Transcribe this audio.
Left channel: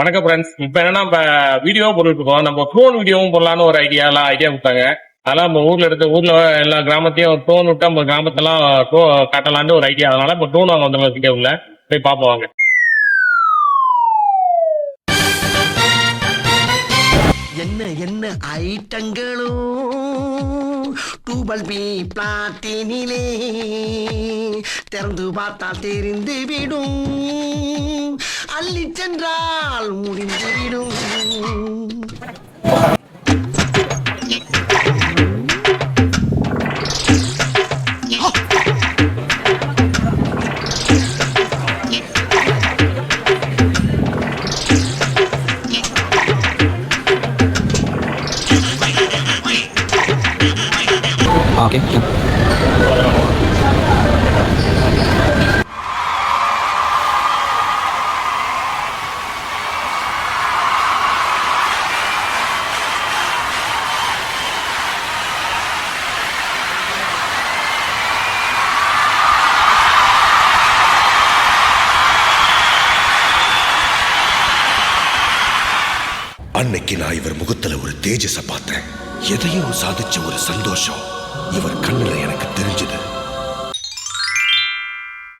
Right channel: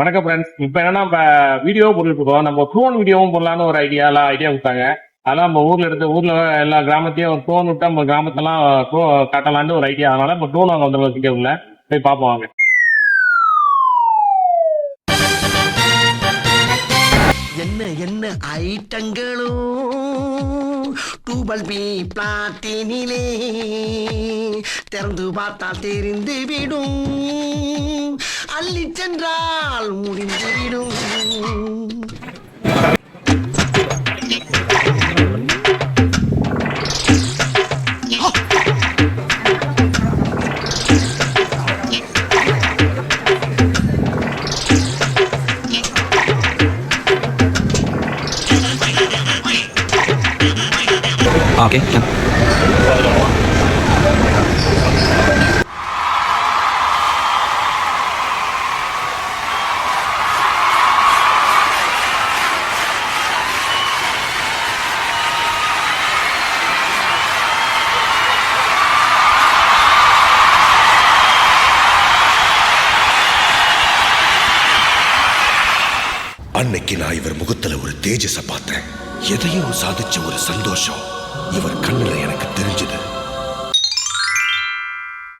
வணக்கம் ஃப்ரெண்ட்ஸ். இப்ப என்னன்னா வீடியோ போட்டுட்டு இருக்கோம். நம்ம ட்ரோன் வீடியோவும் போடலான்னு ஒரு ஐடியா கொடுத்தாங்க. அதெல்லாம் நம்ம ஊர்ல எல்லா கிராமத்தையும் ட்ரோன் விட்டு நம்ம கிராமத்தெல்லாம் காட்டலான்னு ஒரு ஐடியா. அதனால இப்போ ட்ரோன் வாங்க வந்து உள்ள போய் பார்ப்போம் வாங்க. என்ன என்ன ஐட்டங்களும் டூபல் பி பிளாட்டினிலே திறந்து பார்த்தால் தெரிந்து விடும், அள்ளி சென்றால் முடிந்துவிடும். Okay, yeah. அன்னைக்கு நான் இவர் முகத்துல ஒரு தேஜஸ பார்த்தேன். எதையோ சாதிச்ச ஒரு சந்தோஷம் இவர் கண்ணுல எனக்கு தெரிஞ்சது.